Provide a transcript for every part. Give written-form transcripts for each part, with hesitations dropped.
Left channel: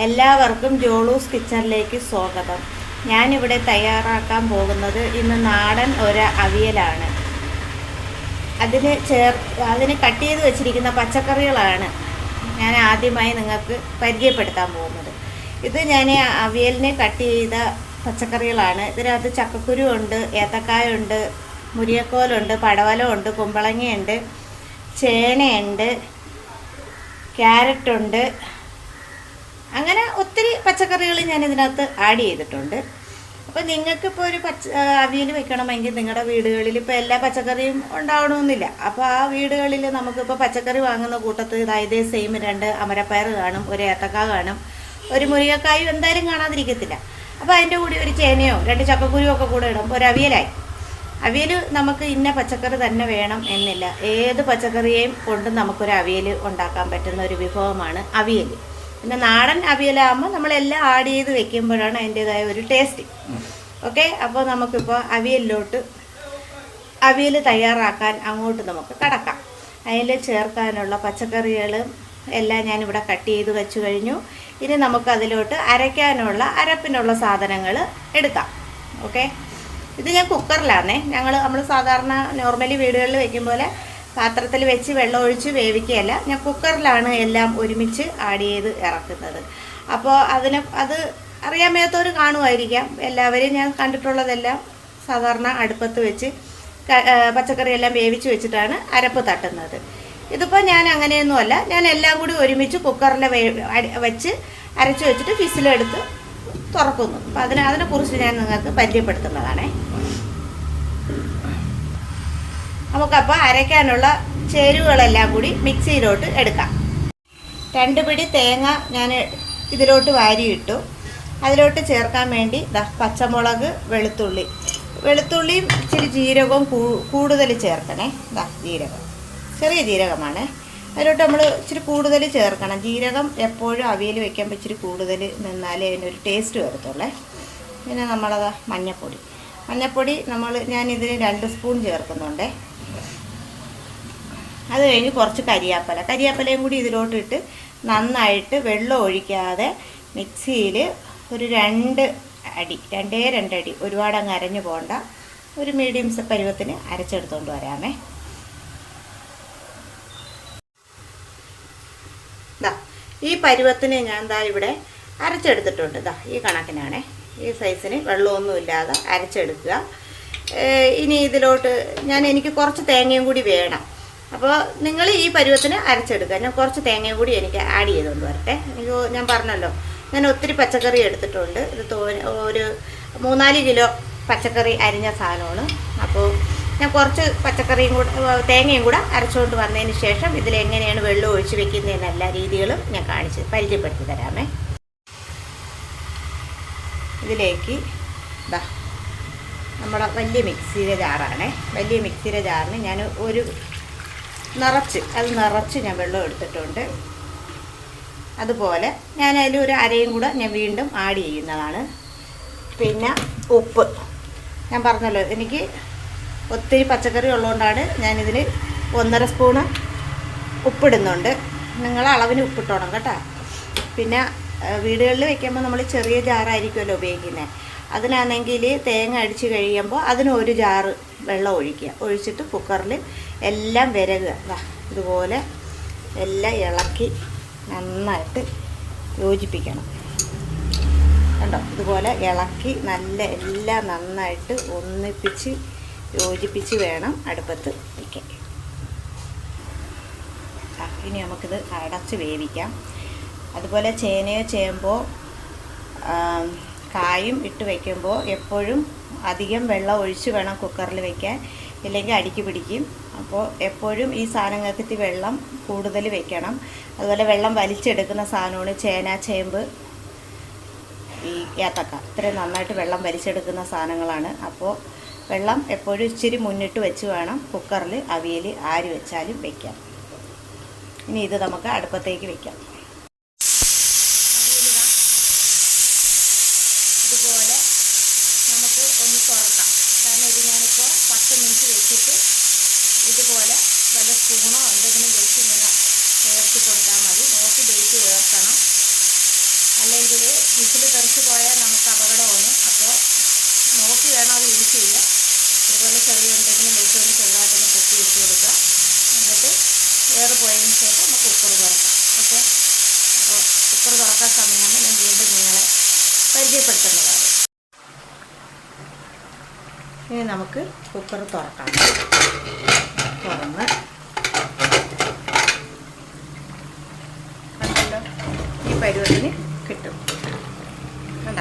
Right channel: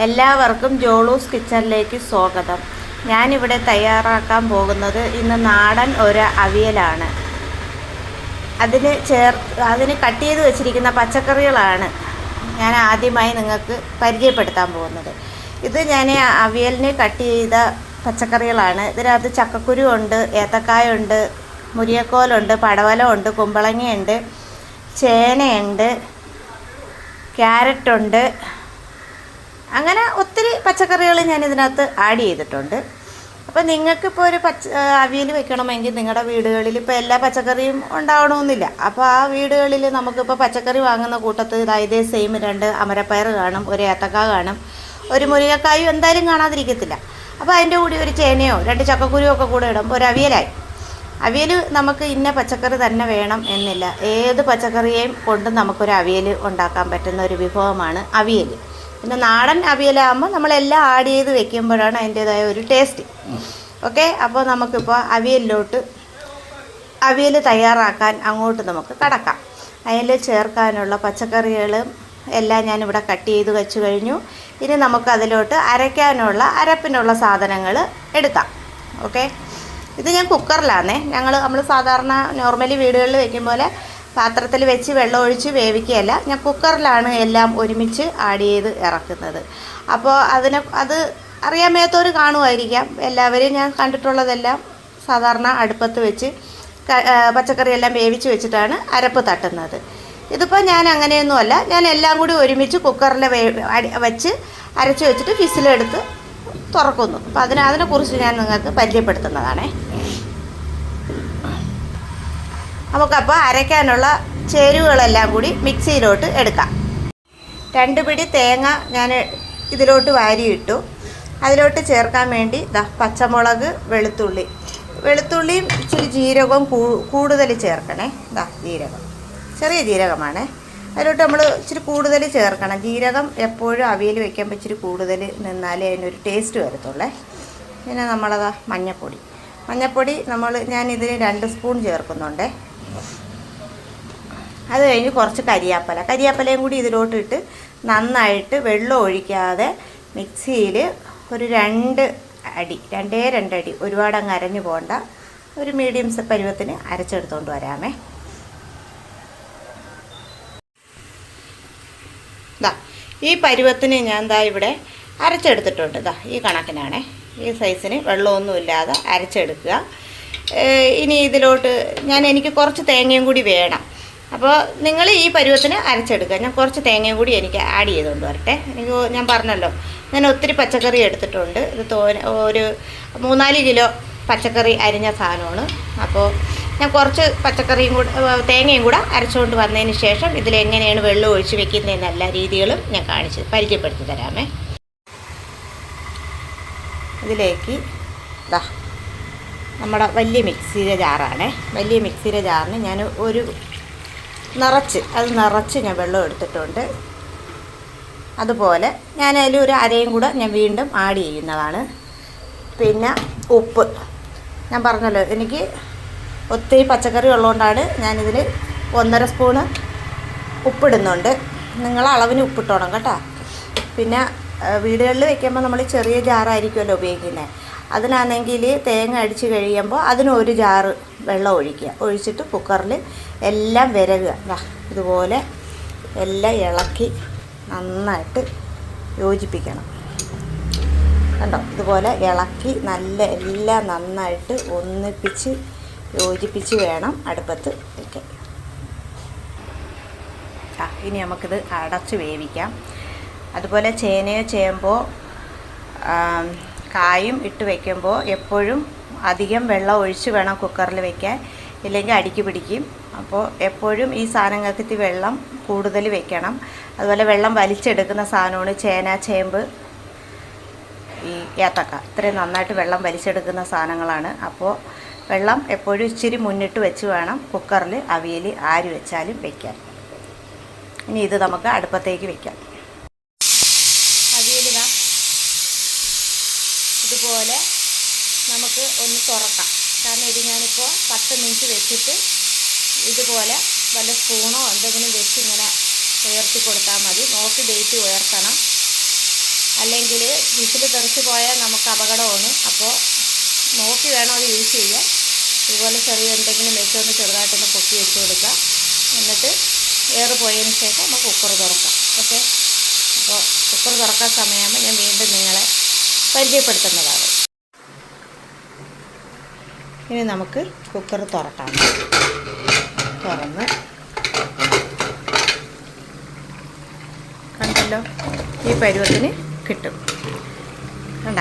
എല്ലാവർക്കും ജോളൂസ് കിച്ചണിലേക്ക് സ്വാഗതം. ഞാനിവിടെ തയ്യാറാക്കാൻ പോകുന്നത് ഇന്ന് നാടൻ ഒരു അവിയലാണ്. അതിന് കട്ട് ചെയ്ത് വെച്ചിരിക്കുന്ന പച്ചക്കറികളാണ് ഞാൻ ആദ്യമായി നിങ്ങൾക്ക് പരിചയപ്പെടുത്താൻ പോകുന്നത്. ഇത് ഞാൻ അവിയലിന് കട്ട് ചെയ്ത പച്ചക്കറികളാണ്. ഇതിനകത്ത് ചക്കക്കുരു ഉണ്ട്, ഏത്തക്കായ ഉണ്ട്, മുരിയക്കോലുണ്ട്, പടവലമുണ്ട്, കുമ്പളങ്ങയുണ്ട്, ചേനയുണ്ട്, ക്യാരറ്റുണ്ട്. അങ്ങനെ ഒത്തിരി പച്ചക്കറികൾ ഞാൻ ഇതിനകത്ത് ആഡ് ചെയ്തിട്ടുണ്ട്. അപ്പോൾ നിങ്ങൾക്കിപ്പോൾ ഒരു അവിയൽ വെക്കണമെങ്കിൽ നിങ്ങളുടെ വീടുകളിൽ ഇപ്പോൾ എല്ലാ പച്ചക്കറിയും ഉണ്ടാവണമെന്നില്ല. അപ്പോൾ ആ വീടുകളിൽ നമുക്കിപ്പോൾ പച്ചക്കറി വാങ്ങുന്ന കൂട്ടത്തിൽ ഇതേ സെയിം 2 അമരപ്പയർ കാണും, ഒരു ഏത്തക്ക കാണും, ഒരു മുരിങ്ങക്കായും എന്തായാലും കാണാതിരിക്കത്തില്ല. അപ്പോൾ അതിൻ്റെ കൂടി ഒരു ചേനയോ 2 ചക്കക്കുരുവോ ഒക്കെ കൂടെ ഇടുമ്പോൾ ഒരു അവിയലായി. അവിയൽ നമുക്ക് ഇന്ന പച്ചക്കറി തന്നെ വേണം എന്നില്ല. ഏത് പച്ചക്കറിയെയും കൊണ്ട് നമുക്കൊരു അവിയൽ ഉണ്ടാക്കാൻ പറ്റുന്ന ഒരു വിഭവമാണ് അവിയൽ. പിന്നെ നാടൻ അവിയലാകുമ്പോൾ നമ്മളെല്ലാം ആഡ് ചെയ്ത് വെക്കുമ്പോഴാണ് അതിൻ്റേതായ ഒരു ടേസ്റ്റ്. ഓക്കെ, അപ്പോൾ നമുക്കിപ്പോൾ അവിയൽ തയ്യാറാക്കാൻ അങ്ങോട്ട് നമുക്ക് കടക്കാം. അതിൽ ചേർക്കാനുള്ള പച്ചക്കറികളും എല്ലാം ഞാനിവിടെ കട്ട് ചെയ്ത് വെച്ച് കഴിഞ്ഞു. ഇനി നമുക്ക് അതിലോട്ട് അരപ്പിനുള്ള സാധനങ്ങൾ എടുക്കാം. ഓക്കെ, ഇത് ഞാൻ കുക്കറിലാണേ. നമ്മൾ സാധാരണ നോർമലി വീടുകളിൽ വയ്ക്കും പോലെ പാത്രത്തിൽ വെച്ച് വെള്ളം ഒഴിച്ച് വേവിക്കുകയല്ല, ഞാൻ കുക്കറിലാണ് എല്ലാം ഒരുമിച്ച് ആഡ് ചെയ്ത് ഇറക്കുന്നത്. അപ്പോൾ അത് അറിയാൻ മേത്തവർ കാണുമായിരിക്കാം. എല്ലാവരും ഞാൻ കണ്ടിട്ടുള്ളതെല്ലാം സാധാരണ അടുപ്പത്ത് വെച്ച് പച്ചക്കറിയെല്ലാം വേവിച്ച് വെച്ചിട്ടാണ് അരപ്പ് തട്ടുന്നത്. ഇതിപ്പോൾ ഞാൻ അങ്ങനെയൊന്നുമല്ല, ഞാൻ എല്ലാം കൂടി ഒരുമിച്ച് കുക്കറിൽ വെച്ച് അരച്ച് വെച്ചിട്ട് വിസിലെടുത്ത് തുറക്കുന്നു. അപ്പോൾ അതിനെക്കുറിച്ച് ഞാൻ നിങ്ങൾക്ക് പരിചയപ്പെടുത്തുന്നതാണേ. നമുക്കപ്പോൾ അരയ്ക്കാനുള്ള ചേരുവകളെല്ലാം കൂടി മിക്സിയിലോട്ട് എടുക്കാം. 2 പിടി തേങ്ങ ഞാൻ ഇതിലോട്ട് വാരിയിട്ടു. അതിലോട്ട് ചേർക്കാൻ വേണ്ടി പച്ചമുളക്, വെളുത്തുള്ളിയും ഇച്ചിരി ജീരകവും കൂടുതൽ ചേർക്കണേ. ജീരകം, ചെറിയ ജീരകമാണ്. അതിലോട്ട് നമ്മൾ ഇച്ചിരി കൂടുതൽ ചേർക്കണം. ജീരകം എപ്പോഴും അവിയൽ വയ്ക്കുമ്പോൾ ഇച്ചിരി കൂടുതൽ നിന്നാലേ അതിനൊരു ടേസ്റ്റ് വരത്തുള്ളേ. പിന്നെ മഞ്ഞൾപ്പൊടി ഞാനിതിന് 2 സ്പൂൺ ചേർക്കുന്നുണ്ട്. അത് കഴിഞ്ഞ് കുറച്ച് കരിയാപ്പലയും കൂടി ഇതിലോട്ടിട്ട് നന്നായിട്ട് വെള്ളം ഒഴിക്കാതെ മിക്സിയിൽ ഒരു 2 അടി, ഒരുപാട് അങ്ങ് അരഞ്ഞു പോകണ്ട, ഒരു മീഡിയം പരുവത്തിന് അരച്ചെടുത്തുകൊണ്ട് വരാമേ. ഈ പരുവത്തിന് ഞാൻ ഇവിടെ അരച്ചെടുത്തിട്ടുണ്ട്. ഈ കണക്കിനാണ്, ഈ സൈസിന് വെള്ളമൊന്നുമില്ലാതെ അരച്ചെടുക്കുക. ഇനി ഇതിലോട്ട് എനിക്ക് കുറച്ച് തേങ്ങയും കൂടി വേണം. അപ്പോൾ നിങ്ങൾ ഈ പരുവത്തിന് അരച്ചെടുക്കുക. ഞാൻ കുറച്ച് തേങ്ങയും കൂടി എനിക്ക് ആഡ് ചെയ്തുകൊണ്ട് വരട്ടെ. ഞാൻ പറഞ്ഞല്ലോ, ഞാൻ ഒത്തിരി പച്ചക്കറി എടുത്തിട്ടുണ്ട്. ഒരു 3-4 കിലോ പച്ചക്കറി അരിഞ്ഞ സാധനമാണ്. അപ്പോൾ ഞാൻ കുറച്ച് തേങ്ങയും കൂടെ അരച്ചുകൊണ്ട് വന്നതിന് ശേഷം ഇതിലെങ്ങനെയാണ് വെള്ളം ഒഴിച്ച് വെക്കുന്നതെന്ന് എല്ലാ രീതികളും ഞാൻ പരിചയപ്പെടുത്തി തരാമേ. ഇതിലേക്ക് നമ്മുടെ വലിയ മിക്സിയുടെ ജാറാണേ. വലിയ മിക്സിയുടെ ജാറിന് ഞാൻ നിറച്ച് ഞാൻ വെള്ളം എടുത്തിട്ടുണ്ട്. അതുപോലെ ഞാൻ അതിൽ അരയും കൂടെ ഞാൻ വീണ്ടും ആഡ് ചെയ്യുന്നതാണ്. പിന്നെ ഉപ്പ്, ഞാൻ പറഞ്ഞല്ലോ എനിക്ക് ഒത്തിരി പച്ചക്കറി ഉള്ളതുകൊണ്ടാണ് ഞാനിതിൽ 1.5 സ്പൂണ് ഉപ്പിടുന്നുണ്ട്. നിങ്ങൾ അളവിന് ഉപ്പിട്ടോണം കേട്ടോ. പിന്നെ വീടുകളിൽ വെക്കുമ്പോൾ നമ്മൾ ചെറിയ ജാറായിരിക്കുമല്ലോ ഉപയോഗിക്കുന്നത്. അതിനാണെങ്കിൽ തേങ്ങ അടിച്ച് കഴിയുമ്പോൾ അതിനൊരു ജാറ് വെള്ളം ഒഴിച്ചിട്ട് കുക്കറിൽ എല്ലാം വിരകുക. ഇതുപോലെ എല്ലാം ഇളക്കി നന്നായിട്ട് യോജിപ്പിക്കണം. കണ്ടോ, ഇതുപോലെ ഇളക്കി എല്ലാം നന്നായിട്ട് ഒന്നിപ്പിച്ച് യോജിപ്പിച്ച് വേണം അടുപ്പത്ത് വയ്ക്കാൻ. ഇനി നമുക്കിത് അടച്ച് വേവിക്കാം. അതുപോലെ ചേനയോ ചേമ്പോ കായും ഇട്ട് വയ്ക്കുമ്പോൾ എപ്പോഴും അധികം വെള്ളം ഒഴിച്ച് വേണം കുക്കറിൽ വയ്ക്കാൻ, ഇല്ലെങ്കിൽ അടിക്ക് പിടിക്കും. അപ്പോൾ എപ്പോഴും ഈ സാധനങ്ങൾക്ക് വെള്ളം കൂടുതൽ വെക്കണം. അതുപോലെ വെള്ളം വലിച്ചെടുക്കുന്ന സാധനമാണ് ചേന, ചേമ്പ്, ഈ ഏത്തക്ക. ഇത്രയും നന്നായിട്ട് വെള്ളം വലിച്ചെടുക്കുന്ന സാധനങ്ങളാണ്. അപ്പോൾ വെള്ളം എപ്പോഴും ഇച്ചിരി മുന്നിട്ട് വെച്ച് വേണം കുക്കറിൽ അവിയൽ ആര് വെച്ചാലും വയ്ക്കാൻ. ഇനി ഇത് നമുക്ക് അടുപ്പത്തേക്ക് വയ്ക്കാം. അവിയൽ ഇതുപോലെ നമുക്ക് ഒന്ന് തുറക്കാം. കാരണം ഇത് ഞാനിപ്പോൾ 10 മിനിറ്റ് വെച്ചിട്ട് ഇതുപോലെ വല്ല സ്പൂണോ എന്തെങ്കിലും വെച്ച് ഇങ്ങനെ ഉയർത്തി കൊടുത്താൽ മതി. നോക്കി ഡേറ്റ് ഉയർത്തണം. അല്ലെങ്കിൽ വിസിൽ തെറിച്ച് പോയാൽ നമുക്ക് അപകടമാണ്. അപ്പോൾ നോക്കി വേണം അത് യൂസ് ചെയ്യാൻ. ഇതുപോലെ ചെറിയ എന്തെങ്കിലും വെച്ചുകൊണ്ട് ചെറുതായിട്ടൊന്ന് പൊക്കി വെച്ച് കൊടുക്കുക. എന്നിട്ട് എയർ പോയതിന് ശേഷം നമുക്ക് കുക്കർ തുറക്കാം. ഓക്കെ, അപ്പോൾ കുക്കർ തുറക്കാൻ സമയമാകുമ്പോൾ ഞാൻ വീണ്ടും നിങ്ങളെ പരിചയപ്പെടുത്തുന്നതാണ്. ഇനി നമുക്ക് കുക്കർ തുറക്കാം. തുറന്ന് കണ്ടല്ലോ, ഈ പരുവത്തിന് കിട്ടും. വേണ്ട,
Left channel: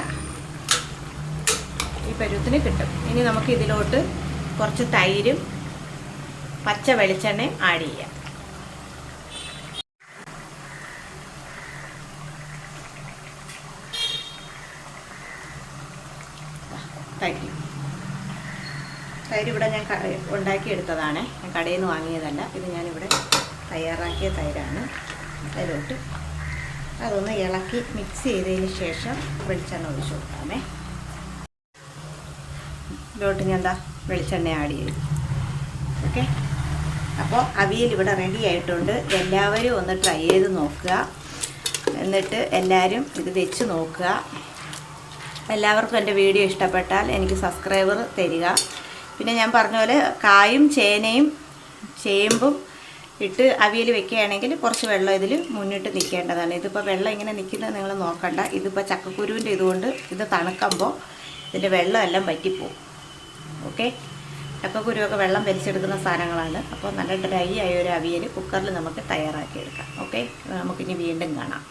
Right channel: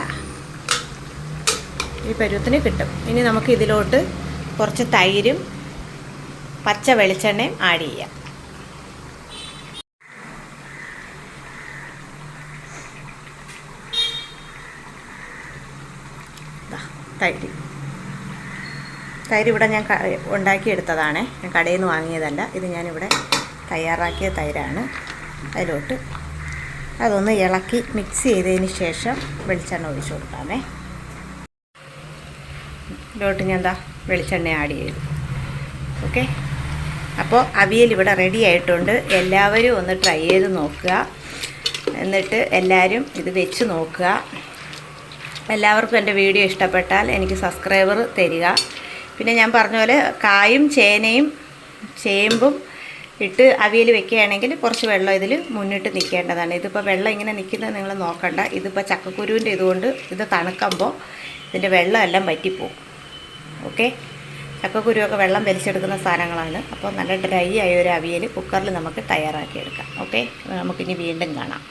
ഈ പരുവത്തിന് കിട്ടും. ഇനി നമുക്ക് ഇതിലോട്ട് കുറച്ച് തൈരും പച്ച വെളിച്ചെണ്ണയും ആഡ് ചെയ്യാം. തൈര് ഇവിടെ ഞാൻ ഉണ്ടാക്കിയെടുത്തതാണ്, ഞാൻ കടയിൽ നിന്ന് വാങ്ങിയതല്ല. ഇത് ഞാനിവിടെ തയ്യാറാക്കിയ തൈരാണ്. അതിലോട്ട് അതൊന്ന് ഇളക്കി മിക്സ് ചെയ്തതിന് ശേഷം വെളിച്ചെണ്ണ ഒഴിച്ച് കൊടുക്കാമേ. ഇതിലോട്ട് ഞാൻ വെളിച്ചെണ്ണ ആഡ് ചെയ്തു. ഓക്കെ, അപ്പോൾ അവിയൽ ഇവിടെ റെഡി ആയിട്ടുണ്ട്. എല്ലാവരും ഒന്ന് ട്രൈ ചെയ്ത് നോക്കുക. എന്നിട്ട് എല്ലാവരും ഇത് വെച്ച് നോക്കുക. എല്ലാവർക്കും എൻ്റെ വീഡിയോ ഇഷ്ടപ്പെട്ടാൽ എനിക്ക് സബ്സ്ക്രൈബർ തരിക. പിന്നെ ഞാൻ പറഞ്ഞ പോലെ കായും ചേനയും ചേമ്പും ഇട്ട് അവിയൽ വെക്കുകയാണെങ്കിൽ കുറച്ച് വെള്ളം ഇതിൽ മുന്നിട്ട് നിൽക്കേണ്ടതാണ്. ഇതിപ്പോൾ വെള്ളം ഇങ്ങനെ നിൽക്കുന്നത് നിങ്ങൾ നോക്കണ്ട. ഇതിപ്പോൾ ചക്കക്കുരുവിൻ്റെ ഇതുകൊണ്ട് ഇത് തണുക്കുമ്പോൾ ഇതിൻ്റെ വെള്ളം എല്ലാം വറ്റിപ്പോവും. ഓക്കെ, ചക്കക്കുരുവൊക്കെ വെള്ളം വലിച്ചെടുക്കുന്ന സാധനങ്ങളാണ്. അപ്പോൾ നല്ല ഡ്രൈ ആയ ഒരു അവിയൽ കുക്കറിൽ നമുക്ക് തയ്യാറാക്കിയെടുക്കാം. ഓക്കെ, നമുക്കിനി വീണ്ടും കാണാം.